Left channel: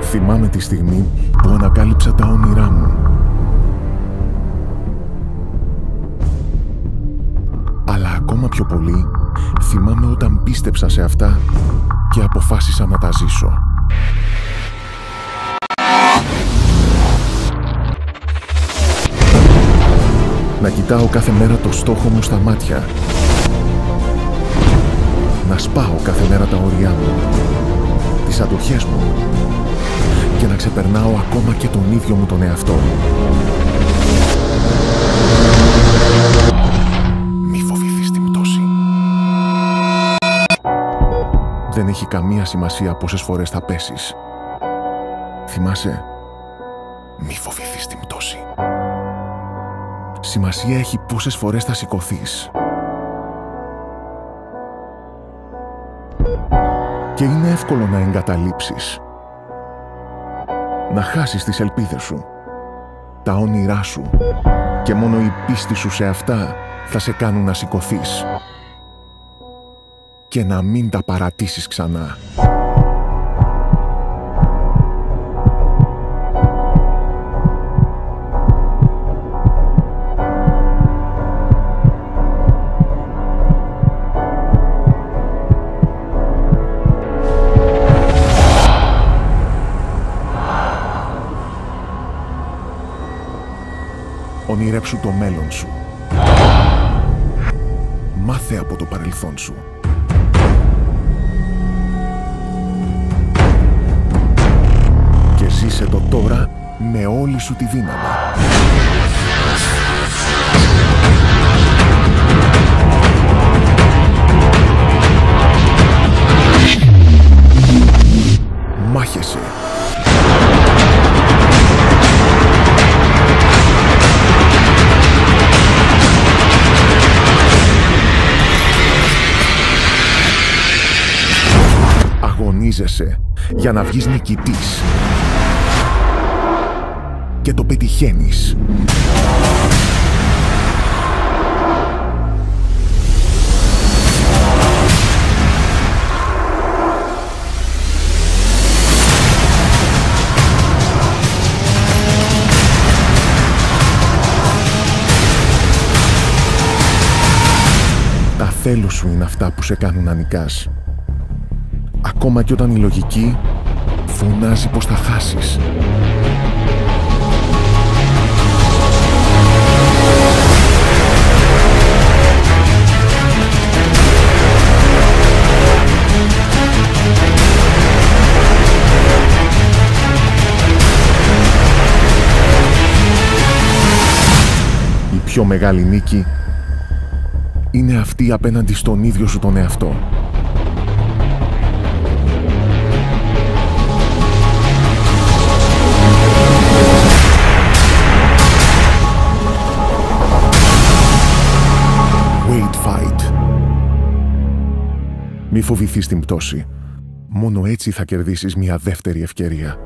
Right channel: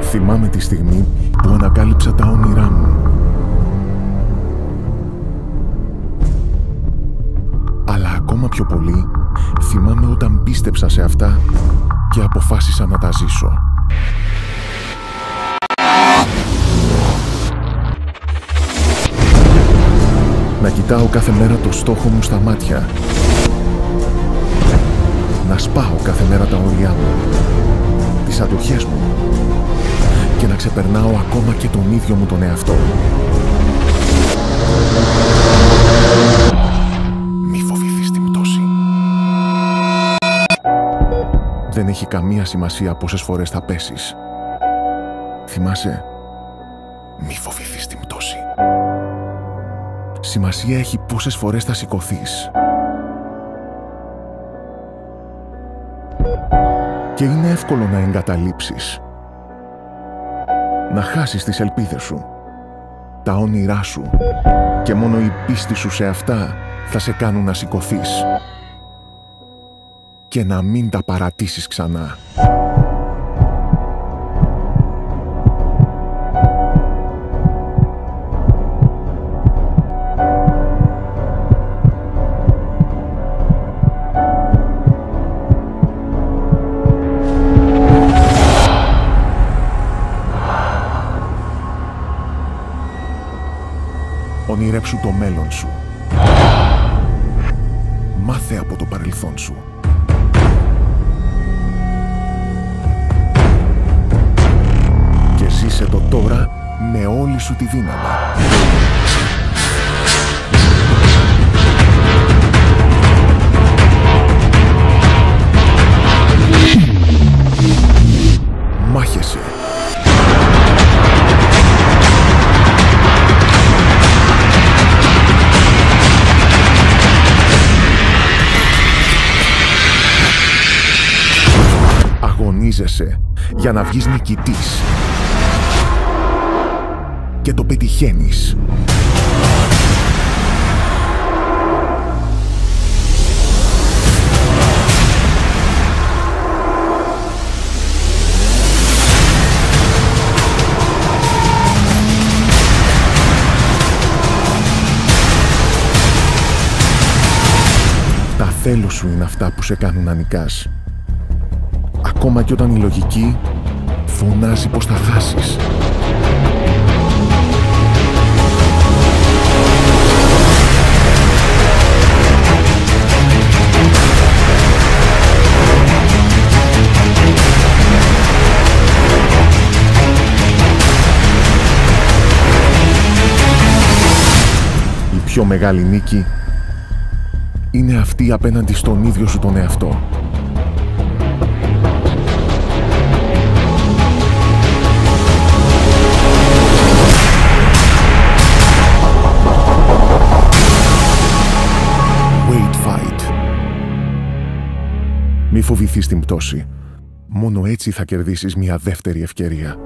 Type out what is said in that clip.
Θυμάμαι τη στιγμή που ανακάλυψα τα όνειρά μου. Αλλά ακόμα πιο πολύ, θυμάμαι όταν πίστεψα σε αυτά και αποφάσισα να τα ζήσω. Να κοιτάω κάθε μέρα το στόχο μου στα μάτια. Να σπάω κάθε μέρα τα όρια μου, τις αντοχές μου και να ξεπερνάω ακόμα και τον ίδιο μου τον εαυτό. Μη φοβηθείς την πτώση. Δεν έχει καμία σημασία πόσες φορές θα πέσεις. Θυμάσαι, μη φοβηθείς την πτώση. Σημασία έχει πόσες φορές θα σηκωθείς. Και είναι εύκολο να εγκαταλείψεις. Να χάσεις τις ελπίδες σου, τα όνειρά σου και μόνο η πίστη σου σε αυτά θα σε κάνουν να σηκωθείς και να μην τα παρατήσεις ξανά. Ονειρέψου το μέλλον σου. Μάθε από το παρελθόν σου. Και ζήσε το τώρα με όλη σου τη δύναμη. Μάχεσαι. Αγωνίζεσαι για να βγεις νικητής. Και το πετυχαίνεις. Τα θέλω σου είναι αυτά που σε κάνουν να νικάς. Ακόμα και όταν η λογική φωνάζει πως θα χάσεις. Η πιο μεγάλη νίκη είναι αυτή απέναντι στον ίδιο σου τον εαυτό. Wait, fight. Μη φοβηθείς την πτώση. Μόνο έτσι θα κερδίσεις μια δεύτερη ευκαιρία.